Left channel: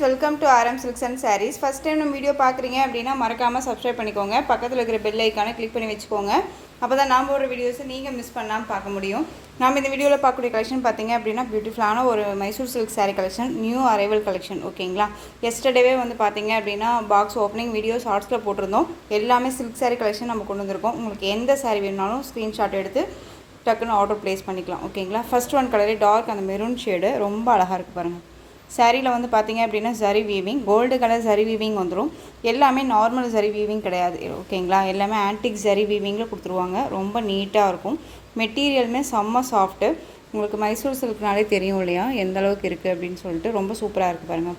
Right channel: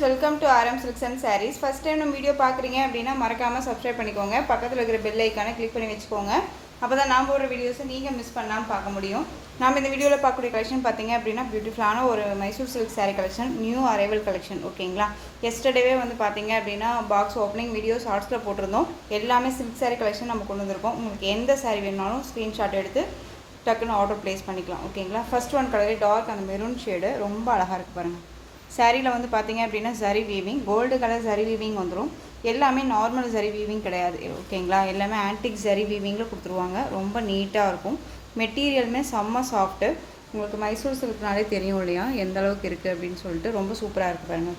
Friends, welcome to RM Silks and Sarees. First time நம்ம video பார்க்குறீங்க அப்படின்னா மறக்காமல் சப்ஸ்கிரைப் பண்ணிக்கோங்க. பக்கத்தில் இருக்கிற பெல் ஐக்கானை கிளிக் பண்ணி வச்சுக்கோங்க. அப்போ தான் நான் போடுற வீடியோஸை நீங்கள் மிஸ் பண்ணாமல் பார்க்க முடியும். நம்ம இந்த வீடியோவில் பார்க்கக்கூடிய கலெக்ஷன் பார்த்தீங்க அப்படின்னா பியூட்டிஃபுல்லான ஒரு Mysore silk sari collection, new arrival collection. ஓகேங்களா, எஸ்டர்டேவே வந்து பார்த்தீங்க அப்படின்னா பாக்ஸ் ஓப்பனிங் வீடியோ ஷார்ட்ஸில் போட்டிருந்தோம். எல்லாமே சில்க் சாரீ கலெக்ஷன் நம்ம கொண்டு வந்திருக்கோம். உங்களுக்கு எந்த சாரீ வேணாலும் ஸ்க்ரீன்ஷாட் எடுத்து டக்குன்னு ஆர்டர் ப்ளேஸ் பண்ணிக்கலாம். ஓகேங்களா, ஃபர்ஸ்ட் ஒன் கலரே டார்க் அந்த மெரூன் ஷேடு ரொம்ப அழகாக இருக்குது பாருங்கள். சாரியில் வந்து பார்த்தீங்க அப்படின்னா சரி வீவிங், கோல்டு கலர் சரி வீவிங் வந்துடும். எல்லாமே நார்மல் சரி வீவிங் கிடையாது. ஓகேங்களா, எல்லாமே ஆன்டிக் சரி வீவிங்கில் கொடுத்துருவாங்க. ரொம்ப நீட்டாக இருக்கும். மெட்டீரியலுமே செம்ம சாஃப்ட்டு. உங்களுக்கு மைசூர் சில்க்னாலே தெரியும் இல்லையா எந்த அளவுக்கு இருக்குது அப்படின்னு சொல்லிட்டு. ரொம்ப சூப்பராக இருக்குது பாருங்கள்.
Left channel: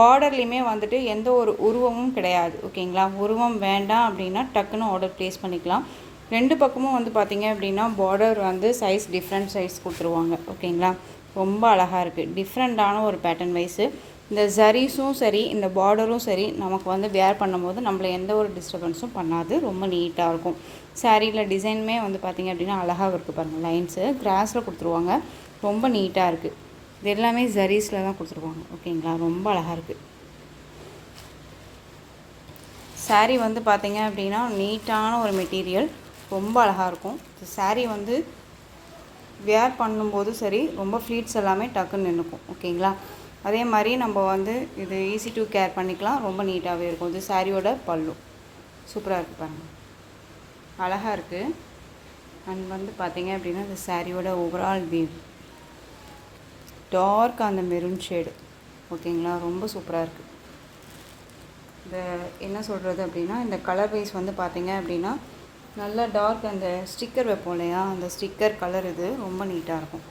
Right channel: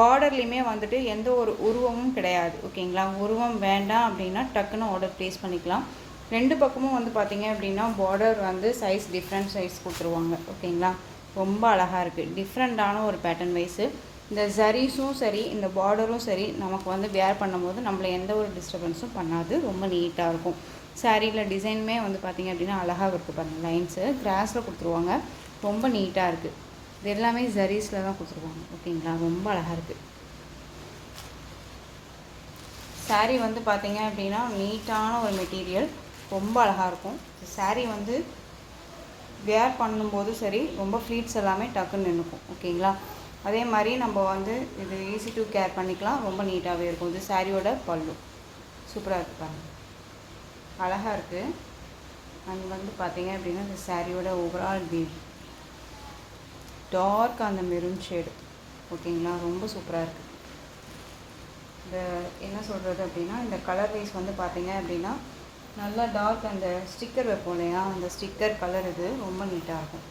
பார்டர்லேயுமே வந்துட்டு எந்த ஒரு உருவமும் கிடையாது. ஓகேங்களா, உருவம் வேண்டாம் அப்படின்னா டக்குன்னு ஆர்டர் ப்ளேஸ் பண்ணிக்கலாம். ரெண்டு பக்கமும் வந்து பார்த்தீங்க அப்படின்னா பார்டர் வந்து சைஸ் டிஃப்ரெண்ட் சைஸ் கொடுத்துருவாங்க. ஓகேங்களா, ரொம்ப அழகாக இருக்குது. டிஃப்ரெண்ட்டான ஒரு பேட்டர்ன் வைஸு. இந்த ஜரீஸும் சரி, இந்த பார்டரும் சரி, நமக்கு வந்து வேர் பண்ணும்போது நம்மளை எந்த ஒரு டிஸ்டர்பன்ஸும் பண்ணாது. ரொம்ப நீட்டாக இருக்கும். சாரியில் டிசைனுமே வந்து பார்த்திங்க அப்படின்னா அழகாக இருக்குது பாருங்கள். லைன்ஸு கிராஸில் கொடுத்துருவாங்க. ரொம்ப நீட்டாக இருக்குது. இது எல்லாமே ஜரீஸில் தான் கொடுத்துருவாங்க. ஓகேங்களா, ரொம்ப அழகாக இருக்குது. சாரீ வந்து பார்த்திங்க அப்படின்னா நீட்டான ஒரு மெட்டீரியல், ரொம்ப அழகாக இருக்கும். சாரீ வந்து வேர் பண்ணும்போது சரி, ரொம்ப ஃப்ளீட்ஸ் எல்லாமே டக்குன்னு நின்றுக்கும். ஓகேங்களா, அதே மாதிரி நம்ம வந்து இது ஈஸி டு கேர் பண்ணிக்கலாம். ரொம்ப நீட்டாகவே இருக்கும். இது சாரியோட பல்லு சூப்பராக இருக்குது பாருங்கள், அழகாக இருக்குது. அண்ட் வந்து பார்த்திங்க அப்படின்னா இந்த சாரியோட ஓவரால் வியூ டார்க் அந்த மெரூன் ஷேடு. ஓகேங்களா, ரொம்ப சூப்பராக இருக்குது. இந்த என்ன சொல்கிறது அப்படின்னா இந்த கலர் வைஸ் வந்து பார்த்திங்க அப்படின்னா நல்லா டார்க் அந்த ஸ்டிக்கர் வைப்போம் இல்லையா, அந்த ஸ்டிக்கர் கலர் இது ரொம்ப நீட்டாக இருக்கும்.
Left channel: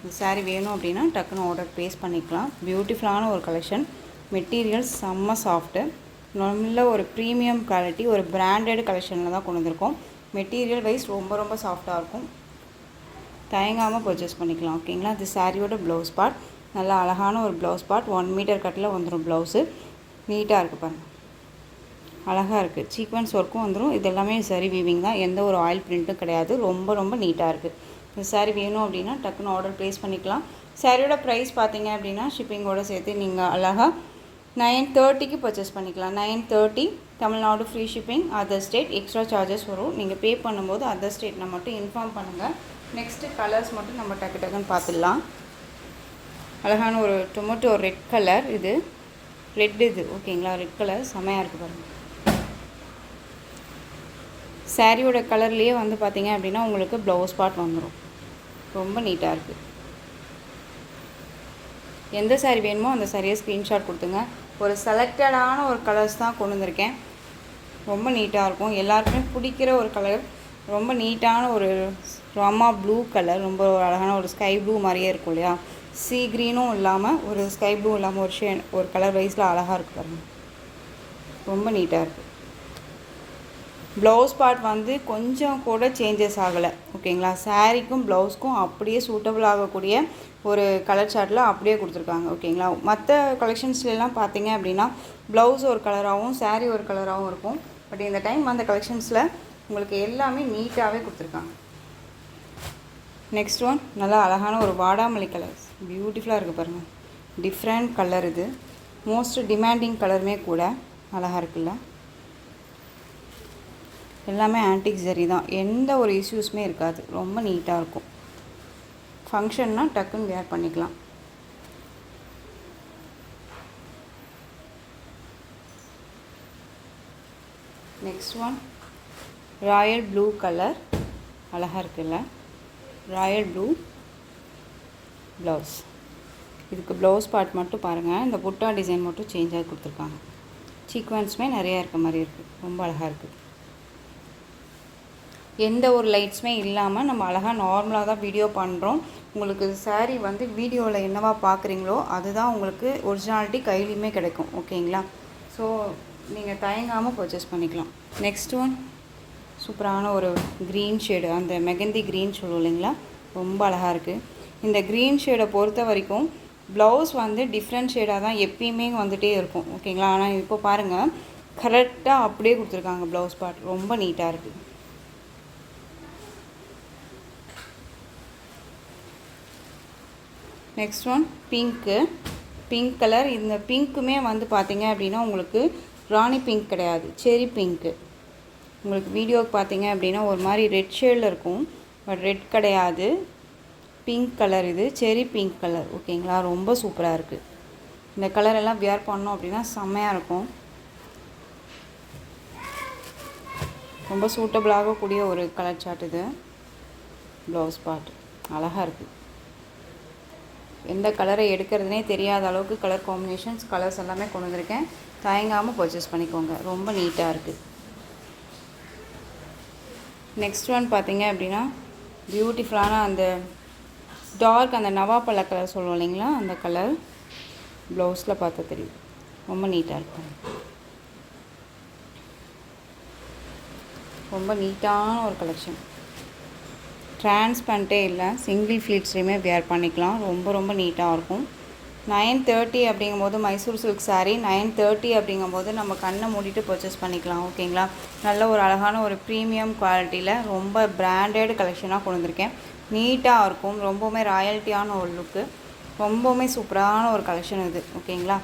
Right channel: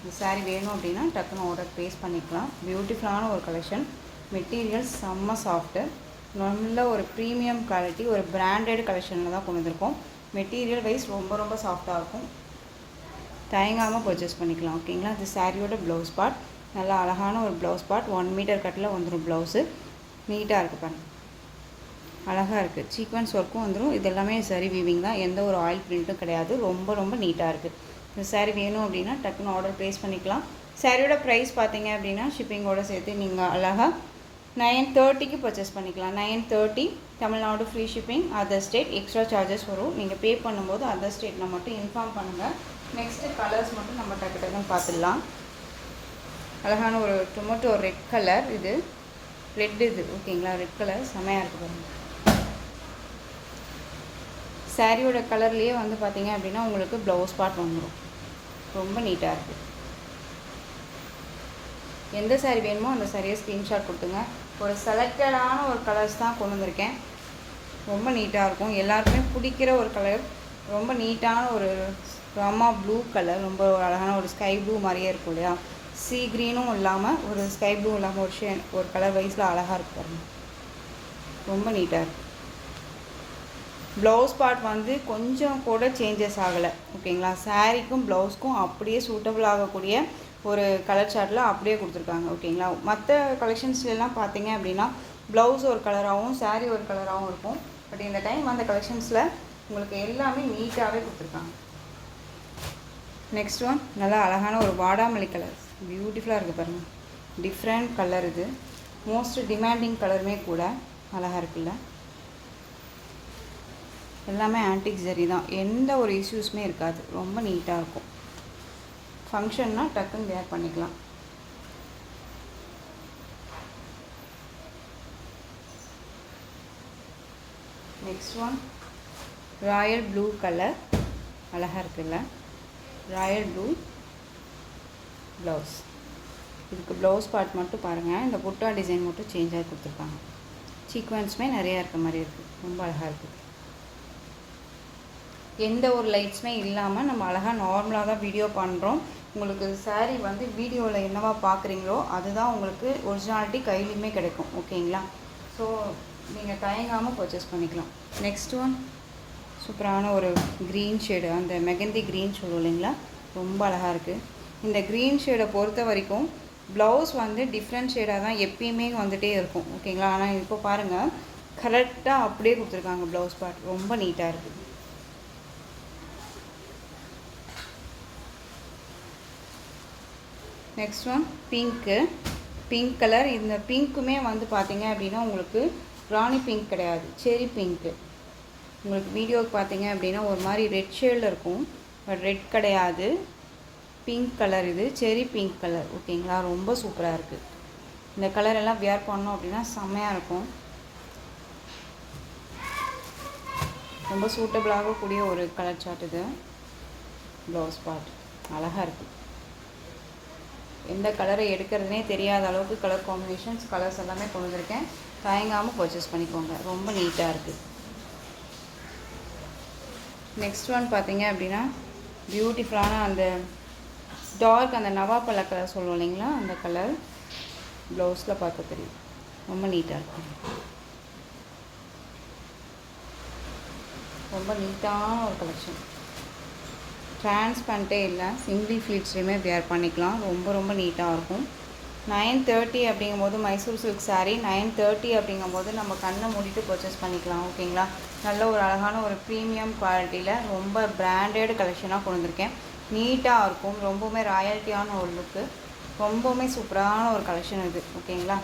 இந்த சாரீ வேணும் அப்படின்னா டக்குன்னு ஆர்டர் ப்ளேஸ் பண்ணிக்கலாம். பியூட்டிஃபுல்லான ஒரு கலெக்ஷன். மெட்டீரியல் செம்ம சாஃப்ட்டு, நல்ல ஒரு ப்ரீமியம் குவாலிட்டி, ஒரு பிராண்டட் கலெக்ஷனில் தான் கொண்டு வந்திருக்கோம். மெட்டீரியல் வைஸ் ரொம்ப ரொம்ப சாஃப்டாக இருக்கும். தயங்காமல் பர்ச்சேஸ் பண்ணிக்கலாம். ஓகேங்களா, இது சாரியோட ப்ளவுஸ் பார்ட். நல்லா அழகான ஒரு ப்ளவுஸ் பார்ட். 1 மீட்டர் கட்டில் வந்துடும் ப்ளவுஸு. நீட்டாக இருக்குது பாருங்கள், அழகாக இருக்குது. சீக்வன்ஸ் ஒர்க்கும் வந்துடும். இது எல்லாமே சரி வீவிங் தான், எந்த ஒரு ஆயில் பிரிண்ட்டும் கிடையாது. ரொம்ப ரொம்ப நீட்டாக இருக்குது. இந்த சாரீ வேணும் அப்படின்னா டக்குன்னு ஆர்டர் ப்ளேஸ் பண்ணிக்கலாம். சாரியோட ப்ரைஸ் பார்த்தீங்க அப்படின்னா ஷிப்பிங்கோடு சேர்த்து நீங்கள் அழகாக 930க்கு பர்ச்சேஸ் பண்ணிக்கலாம். 930 Tamil Nadu free shipping. Other state extra charges வரும். நீங்கள் பே பண்ணும்போது அதர் ஸ்டேட்டில் மட்டும் இன்ஃபார்ம் பண்ணுங்கள். நெக்ஸ்ட்டு கலர்ஸ் மட்டும் நம்ம டக்கு டக்குன்னு பார்த்துடலாம். அழகான ஒரு டொமேட்டோ ரெட் கலர், இது ரெட் இது. ஓகேங்களா, ரெட் கலர் செமையாக இருக்குது பாருங்கள். சாரியோட கலர்லேயே வந்து பார்த்திங்க அப்படின்னா உங்களுக்கு ப்ளவுஸ் பார்ட் வந்துடும். ரொம்ப நீட்டாக இருக்குது. எந்த சாரீ வேணுமோ அந்த சாரியை ஸ்க்ரீன்ஷாட் கொடுத்துங்க. ஒரு செலக்டடான ஒரு கலர்ஸ் தான் கொண்டு வந்திருக்கேன். ரொம்ப நீட்டாக இருக்கும். எல்லாருக்குமே பிடிக்கிற ஒரு கலர். ரொம்ப நீட்டான ஒரு ராமா ப்ளூ கலர். ரொம்ப ஒரு அழகான ஒரு ஸ்கை ப்ளூ மாதிரியே இருக்கும் இல்லையா, சீ க்ரீனும் இல்லாமல் ஒரு ஸ்கை ப்ளூ இல்லாமல் ஒரு கலர் வைஸில் அழகாக இருக்குது பாருங்கள். ரொம்ப நீட்டாக இருக்குது. ப்ளவுஸ் பார்ட் வந்து கொஞ்சம் கூட சேஞ்சஸ் ஆகலை. ஓகேங்களா, சாரீக்கும் ப்ளவுஸ்க்கும் அப்படியே சூட்டபிள் ஆகக்கூடிய ஒரு கலர் சார்ட்டில் அப்படியே கொடுத்துருக்காங்க. ஓகேங்களா, மற்ற கலெக்ஷன்ஸ்லாம் பார்த்தீங்க அப்படின்னா ப்ளவுஸ் ஒரு கலராகவும் சாரீ ஒரு கலராகவும் இருக்கும். பட் இந்த டைம் அந்த கலெக்ஷன்ஸில் உங்களுக்கு எல்லாமே நீட்டாகவே கொடுத்துருக்காங்க. நெக்ஸ்ட் ஒன் நல்லா அழகான ஒரு வாடாமல்லி கலர். பியூட்டிஃபுல்லாக இருக்குது பாருங்கள். டிஃப்ரெண்ட் கலர் இது. மோஸ்ட் டிமாண்டிங் கலருமே கூட. அழகாக இருக்குல்ல. எல்லாமே ஆன்டிக் ஜரி தான், எந்த ஒரு இஷ்யூஸுமே இருக்காது. ரொம்ப நீட்டாக இருக்கும். ஃபங்க்ஷன்னா டக்குன்னு வேர் பண்ணிக்கலாம். Next one Royal blue colour. அழகாக இருக்குல்ல, ராயல் ப்ளூ ப்ளவுஸ். இதுக்கு ப்ளவுஸ் பார்ட் மட்டும் பாருங்கள். இந்த புட்டா டிசைன் மட்டும் சேஞ்ச் ஆகி கொடுத்துருக்காங்க. சீக்வன்ஸுமே நிறையா இருக்க மாதிரி இருக்குது. ரொம்ப அழகாக இருக்குது. எந்த ஒரு லைட்ஸுமே இல்லாமல் நம்ம அழகாக நார்மலாக தான் வீடியோ பண்ணுறோம். உங்களுக்கு சாரீ வந்து வீடியோவில் என்னவா பார்க்குறீங்களோ அதுதான் உங்களுக்கு ஒரிஜினாலிட்டி கையிலையுமே கிடைக்கும். ஓகேங்களா, ஸோ நீங்கள் தயங்காமல் பர்ச்சேஸ் பண்ணிக்கலாம். நெக்ஸ்ட் ஒன் சூப்பரான ஒரு க்ரீன் ஷேடு, அந்த மெகந்தி க்ரீன் சொல்லுவோம் இல்லைங்களா, ரொம்ப அழகாக இருக்குது. இந்த க்ரீன் ஷேடை பொறுத்த வரைக்கும் ப்ளவுஸ் வந்து டிஃப்ரெண்ட் ஷேடாக தான் எப்பயுமே வந்துகிட்டே இருக்கும். ஓகேங்களா, ஆனால் இப்போ பாருங்கள் கரெக்டாக அப்படியே கொடுத்துருக்காங்க ப்ளவுஸ் பார்ட். ரொம்ப நீட்டாக இருக்குது. Next one pink. Pink colour. இந்த பிங்க்குமே வந்து பார்த்திங்க அப்படின்னா உங்களுக்கு ராணி பிங்க் கிடையாது, செரி பிங்க்கு. உங்களுக்கு வீடியோவுக்கு பார்த்தீங்க அப்படின்னா ஒரு மாதிரி ரெட் ஷேடில் இருக்கும், பட் ரெட் கிடையாது, பிங்க் கலர். இது செரி பிங்க் கலர். ஓகேங்களா, ரொம்ப சூப்பராக இருக்குது. இந்த கலர் எல்லாம் வியர் பண்ணோம் அப்படின்னா செம்மையாக இருக்கும். ரொம்ப சூட்டபிளாகக்கூடிய ஒரு கலர் சார்ட் இது. ப்ளவுஸ் பார்ட் அழகாக இருக்குது. எந்த கலரை எடுக்கிறதுனே தெரியாத அளவுக்கு கலர் காம்பினேஷன்ஸ், கலர்ஸ் எல்லாமே கொண்டு வந்திருக்கேன். தயங்காமல் பர்ச்சேஸ் பண்ணிக்கோங்க, ரொம்ப நீட்டாக இருக்குது. நெக்ஸ்ட் ஒன் பார்த்தீங்க அப்படின்னா பியூட்டிஃபுல்லான அந்த டார்க் அந்த நவாப்பழ கலர் சொல்லுவோம் இல்லைங்களா, அந்த கலர். ப்ளவுஸில் பார்த்து தெரியும், ரொம்ப நீட்டாக இருக்கும். ரொம்ப நீட்டான ஒரு கலெக்ஷன். டிரான்ஸ்பரண்ட்டே இல்லை, சிங்கிள் ஃப்ளீட்ஸ்லேயுமே வேர் பண்ணிக்கலாம். ரொம்ப ரொம்ப நீட்டாக இருக்கும். 930 அப்படிங்கும்போது மைசூர் சில்க் சாரீ 930 அப்படிங்கும்போது நம்ம கண்ணை மூடிட்டு பர்ச்சேஸ் பண்ணிக்கலாம். ஓகேங்களா, நல்ல ஒரு அழகான ஒரு ப்ரீமியம் குவாலிட்டியில் ரொம்ப பிராண்டட் கலெக்ஷனாக கொண்டு வந்திருக்கேன். நீட்டாக இருக்கும், ரொம்பவுமே ராயல்ட்டியான ஒரு லுக்கு, ரொம்பவுமே சூப்பரான ஒரு கலெக்ஷன் இது. ஓகேங்களா,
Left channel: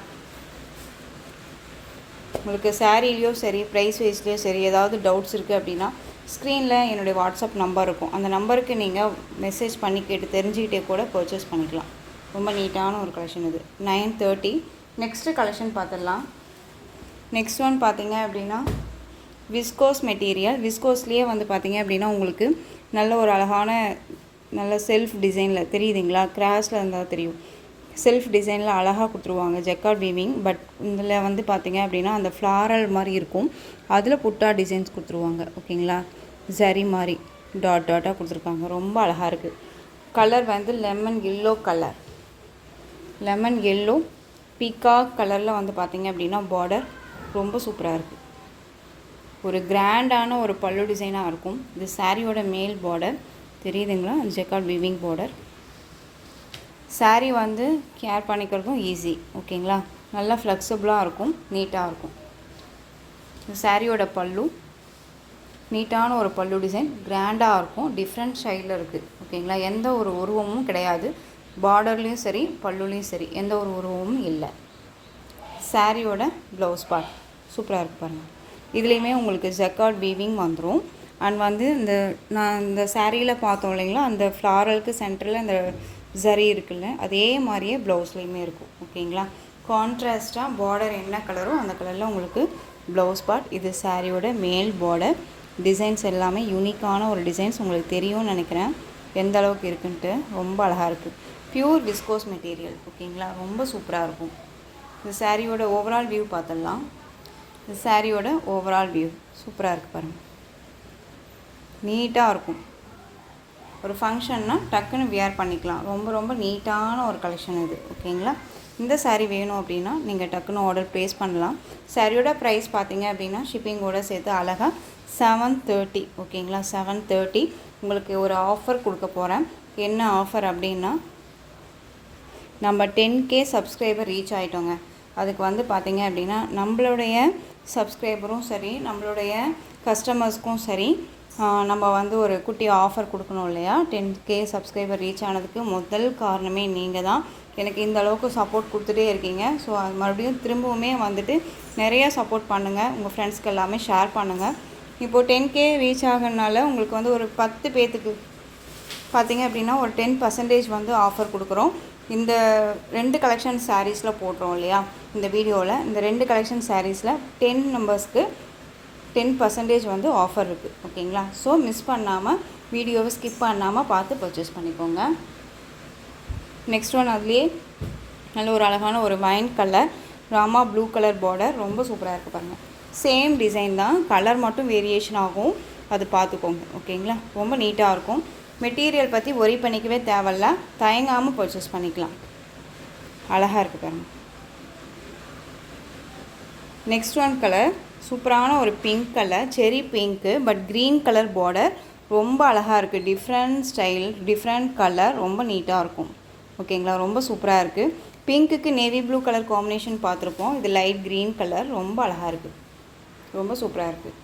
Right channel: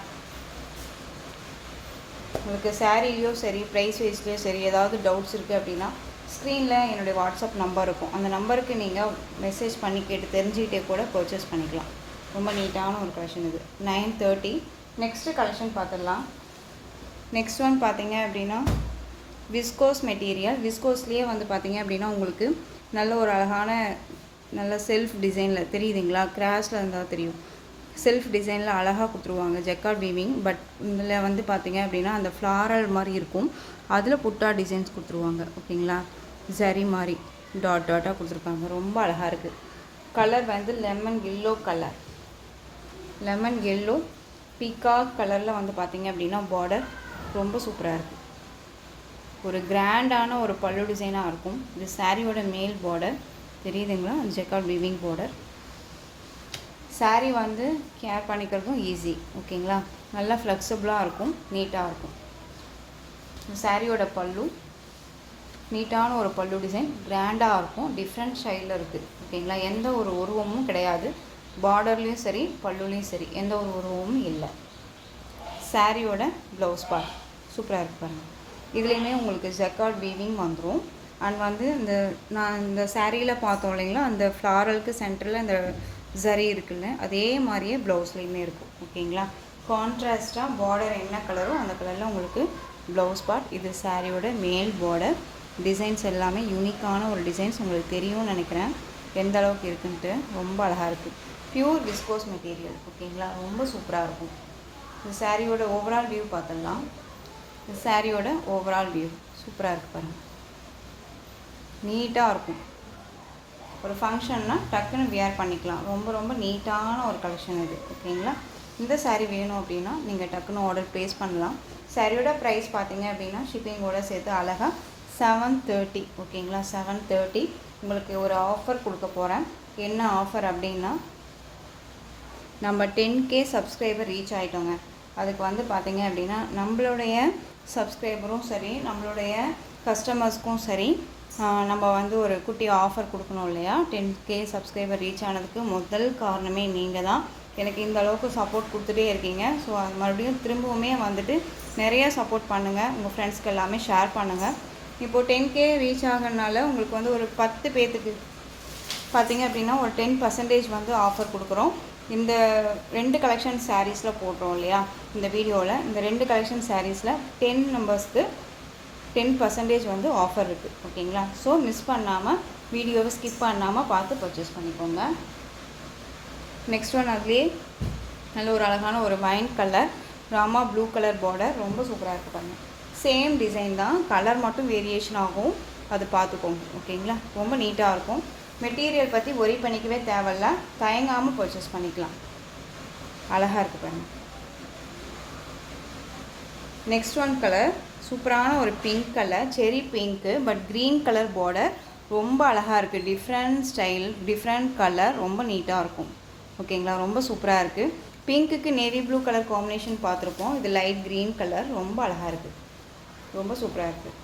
உங்களுக்கு சாரீலேயும் சரி, ப்ரைஸ் வைஸ்லேயும் சரி, ஏதாவது டவுட்ஸ் இருக்குது அப்படின்னா ஸ்க்ரீனில் என்னுடைய வாட்ஸ்அப் நம்பர் இருக்கும். அந்த நம்பருக்கு நீங்கள் மெசேஜ் பண்ணி கேட்டு தெரிஞ்சுக்கிட்டே கூட பர்ச்சேஸ் பண்ணிக்கலாம். ரொம்ப நீட்டான ஒரு கலெக்ஷன் இது. 930. நெக்ஸ்ட்டு கலெக்ஷன் பார்த்துடலாம். நெக்ஸ்ட் ஒன் பார்த்தீங்க அப்படின்னா விஸ்கோஸ் மெட்டீரியல். விஸ்கோஸ்லேயே வந்து பார்த்தீங்க அப்படின்னா உங்களுக்கு நல்ல ஒரு அழகான நல்ல செல்ஃப் டிசைனில் தெரியுதுங்களா, கிராஸில் இருந்தால் தெரியும், செல்ஃப் டிசைனில் அழகாக கொடுத்துருவாங்க. Jacquard weaving. பட் இதில் வந்து பார்த்தீங்க அப்படின்னா அந்த ஃப்ளாரல் மாதிரி இருக்கும், அதில் புட்டா டிசைன்ஸ் கொடுத்துருவாங்க. ஓகேங்களா, ஜரி மாதிரி டாட் டாட்டாக கொடுத்துருக்காங்க, ரொம்ப அழகாக இருக்குது. கலர் வந்து lemon yellow colour, lemon yellow peacock கலரில் வந்து பார்த்திங்க அப்படின்னா பார்டர் ரொம்ப சூப்பராக இருக்குது. ஒரு கிராண்டான ஒரு பல்லு டிசைனாக இருக்கும். இது சாரியோட மேல் பார்டர் தெரியுதுங்களா, ஜக்கார்ட் வீவிங் பார்டர். சாரீ வந்து கேர் பண்ணிக்கிறதும் ஈஸி. ஓகேங்களா, நல்லா ஃப்ளெக்சிபிளாக இருக்கும், நீட்டாக இருக்கும். சாரியோட பல்லு நீட்டான ஒரு பல்லு டிசைன், கிராண்டாக இருக்கும், டிஃப்ரெண்ட் ஸ்டைலில் இருக்குது. ஓகேங்களா, எந்த ஒரு உருவமும் கிடையாது, பார்டர்லேயும் சரி பல்லுலேயும் சரி எந்த ஒரு உருவமும் இல்லை. சாரியோட ப்ளவுஸ் பார்ட் சூப்பராக இருக்குது பாருங்கள். இதுலேயுமே உங்களுக்கு ஜக்கார்ட் வீவிங் வந்துடும். அண்ட் வந்து நான் இந்த சாரியில் பார்த்தோம் இல்லைங்களா, அந்த ஃப்ளாரலுக்கு சென்டரில் அந்த ஜரி இருக்குல்ல, அதே மாதிரியே ப்ளவுஸ்லேயுமே இருக்கும். ஓகேங்களா, கான்ட்ராஸ்ட்டாக பார்டர் என்ன கலரோ அந்த கலரில் உங்களுக்கு ப்ளவுஸ் பார்ட். இது சாரியோட மேல் பார்டர். டிசைன்ஸ் எல்லாமே யூனிக்கான ஒரு டிசைன்ஸ், உங்களுக்கு தெரியும்னு நினைக்கிறேன் எந்த அளவுக்கு இருக்குன்ட்டு. ரொம்ப அழகாக இருக்குது. Pure viscose material. ஓகேங்களா, ரொம்ப சூப்பராக இருக்கும். இந்த சாரியோட ஓவரால் வியூ பார்த்துடலாம். இந்த சாரியோட ஓவரால் வியூ சூப்பராக இருக்குது பாருங்கள், நீட்டாக இருக்கும். ஒரு ஃபங்க்ஷன்னா டக்குன்னு வியர் பண்ணிக்கலாம். ரொம்ப ரொம்ப நீட்டான ஒரு கலெக்ஷன் இது. ஓகேங்களா, இந்த சாரீ வேணும் அப்படின்னா நீங்கள் டக்குன்னு ஆர்டர் ப்ளேஸ் பண்ணலாம். சாரியோட ப்ரைஸ் பார்த்தீங்க அப்படின்னா ஷிப்பிங்கோடு சேர்த்து அழகாக 730. ஓகேங்களா, 730. உங்களுக்கு ஒரு ஆஃபர் கொடுக்க போகிறேன். என்ன ஆஃபர் அப்படின்னா, நம்ம 10K சப்ஸ்கிரைபர் ரீச் ஆகிட்டோங்க. அதுக்கு வந்து பார்த்திங்க அப்படின்னா நம்மளுடைய சப்ஸ்கிரைபரும் சரி, நம்மளுடைய கஸ்டமர்ஸ்க்கும் சரி, நம்ம வந்து ஒரு குட்டி ஆஃபர் கொடுக்கணும் இல்லையா. 10K சப்ஸ்கிரைபர் ரீச் ஆனதுக்கு முதல் காரணமே நீங்கள் தான். எனக்கு இந்த அளவுக்கு சப்போர்ட் கொடுத்துட்டே இருக்கீங்க. ஸோ அது மறுபடியும் திரும்பவுமே வந்துட்டு நிறையா சப்போர்ட் பண்ணுங்கள், உங்கள் ஃப்ரெண்ட்ஸ்க்கு எல்லாமே ஷேர் பண்ணுங்கள். இப்போது 10K ரீச் ஆகிறதுனால உங்களுக்கு வந்து ஒரு 10 பேர்த்துக்கு பார்த்திங்க அப்படின்னா ஒரு 10% வந்து ஆஃபர் கொடுக்குறோம். இந்த 2 கலெக்ஷன் சாரீஸில் போடுறோம் இல்லையா இந்த வீடியோவில். இந்த 2 கலெக்ஷன் சாரீஸில் 10 நம்பர்ஸ்க்கு 10% வந்து ஆஃபர் இருக்குது. ஓகேங்களா, ஸோ மிஸ் பண்ணாமல் வீடியோவை ஸ்கிப் பண்ணாமல் பார்த்து பர்ச்சேஸ் பண்ணிக்கோங்க. நெக்ஸ்ட் ஒன் அதுலேயே நல்ல ஒரு அழகான ஒரு wine colour, Rama blue colour border, ரொம்ப சூப்பராக இருக்குது பாருங்கள். சேம் டிசைன் தான், கலர் மட்டும் வேரியேஷன் ஆகும், அது பார்த்துக்கோங்க. ஓகேங்களா, ரொம்ப நீட்டாக இருக்கும். மெட்டீரியல் பற்றி ஒரி பண்ணிக்கவே தேவையில்ல, தயங்காமல் பர்ச்சேஸ் பண்ணிக்கலாம். அழகாக இருக்குது பாருங்கள். நெக்ஸ்ட் ஒன் கலர் சூப்பரான ஒரு பிங்க் கலர், செரி pink, but green colour border, ரொம்ப அழகாக இருக்குது. டிஃப்ரெண்ட் ஸ்டைல், டிஃப்ரெண்ட் கலர், ரொம்ப நீட்டாக இருக்கும். ஓகேங்களா, ரொம்ப சூப்பராக இருக்குது. பிங்க்குக்கு நேவி ப்ளூ கலர் காம்பினேஷன் பார்த்துருப்போம், இது லைட் க்ரீன் கலர், ரொம்ப அழகாக இருக்குது, ரொம்ப சூப்பராக இருக்குது.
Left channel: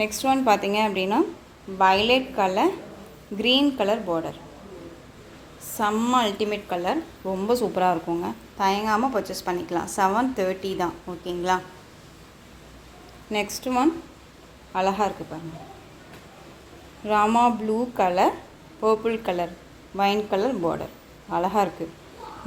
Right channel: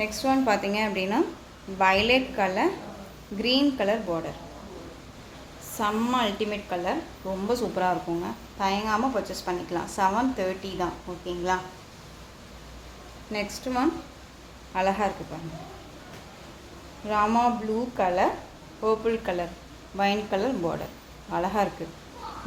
நெக்ஸ்ட் ஒன் பார்த்தீங்க அப்படின்னா violet colour, green colour border. செம்ம அல்டிமேட் கலர், ரொம்ப சூப்பராக இருக்குங்க. தயங்காமல் பர்ச்சேஸ் பண்ணிக்கலாம். 730 தான். ஓகேங்களா. நெக்ஸ்ட் ஒன் அழகாக இருக்குது பாருங்கள். Rama blue colour, purple colour, wine colour border. அழகாக இருக்குது.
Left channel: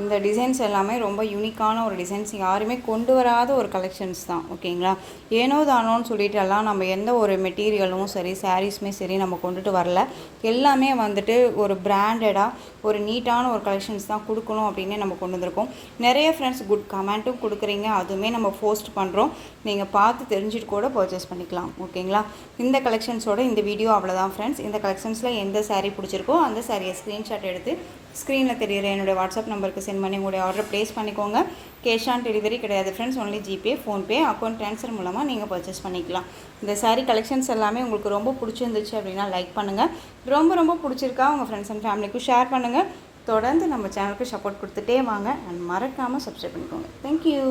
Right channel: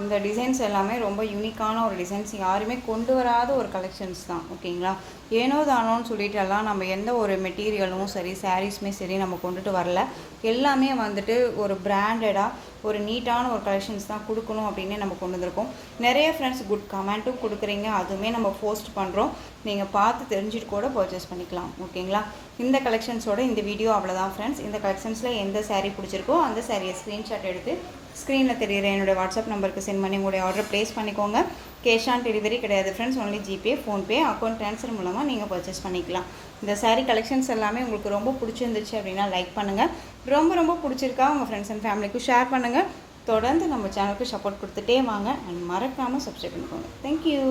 இந்த டிசைன்ஸ் எல்லாமே ரொம்ப யூனிக்கான ஒரு டிசைன்ஸ், யாருமே கொண்டு வராத ஒரு கலெக்ஷன்ஸ் தான். ஓகேங்களா. ஏனோ தானோன்னு சொல்லிட்டு எல்லாம் நம்ம எந்த ஒரு மெட்டீரியலும் சரி சாரீஸுமே சரி நம்ம கொண்டுட்டு வரல. எல்லாமே வந்துட்டு ஒரு பிராண்டடாக ஒரு நீட்டான ஒரு கலெக்ஷன்ஸ் தான் கொடுக்கணும் அப்படின்னு நம்ம கொண்டு வந்திருக்கோம். நிறைய ஃப்ரெண்ட்ஸ் குட் கமெண்ட்டும் கொடுக்குறீங்க, அதுவுமே நம்ம போஸ்ட் பண்ணுறோம். நீங்கள் பார்த்து தெரிஞ்சுட்டு கூட பர்ச்சேஸ் பண்ணிக்கலாம். ஓகேங்களா. இந்த கலெக்ஷன்ஸோட இந்த வீடியோ அவ்வளோதான் ஃப்ரெண்ட்ஸ். இந்த கலெக்ஷன்ஸில் எந்த சாரீ பிடிச்சிருக்கோ அந்த சாரியை ஸ்க்ரீன்ஷாட் எடுத்து ஸ்க்ரீனில் தெரியுற என்னுடைய வாட்ஸ்அப் நம்பருக்கு சென்ட் பண்ணி உங்களுடைய ஆர்டர் ப்ளேஸ் பண்ணிக்கோங்க. கேஷ் ஆன் டெலிவரி கிடையாது friends, only GPay, PhonePe, account transfer மூலமாக நீங்கள் பர்ச்சேஸ் பண்ணிக்கலாம். இந்த சாரீ கலெக்ஷன்ஸ் எல்லாமே உங்களுக்கு ரொம்ப பிடிச்சிருந்துச்சு அப்படின்னா லைக் பண்ணுங்கள். ரொம்ப பிடிச்சிருக்கா உங்கள் ஃப்ரெண்ட்ஸ் அண்ட் ஃபேமிலிக்கும் ஷேர் பண்ணுங்கள். தொடர்ந்து நம்ம சேனலுக்கு சப்போர்ட் கொடுத்துட்டே வாங்க. அண்ட் மறக்காமல் சப்ஸ்கிரைப் பண்ணிக்கோங்க. தேங்க்யூ.